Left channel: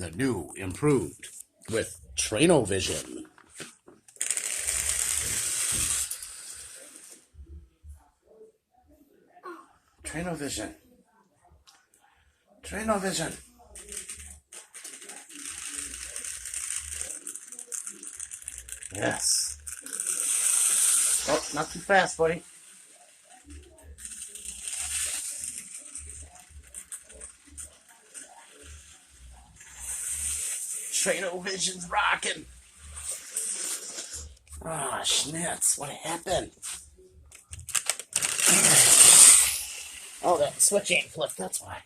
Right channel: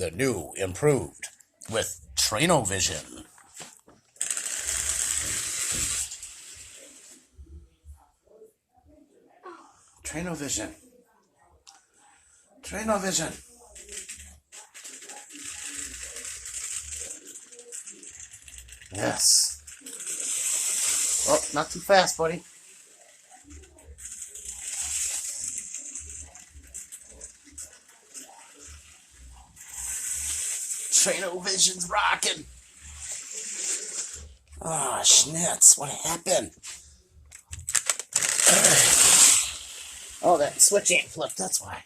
the new improved with Trainovision. Trainovision. Trainovision. Yes. Oh, not too fast, buddy. Trainovision's rocking. Ah, schnitz, what happened? Oh, that switch ain't flipped, that's why.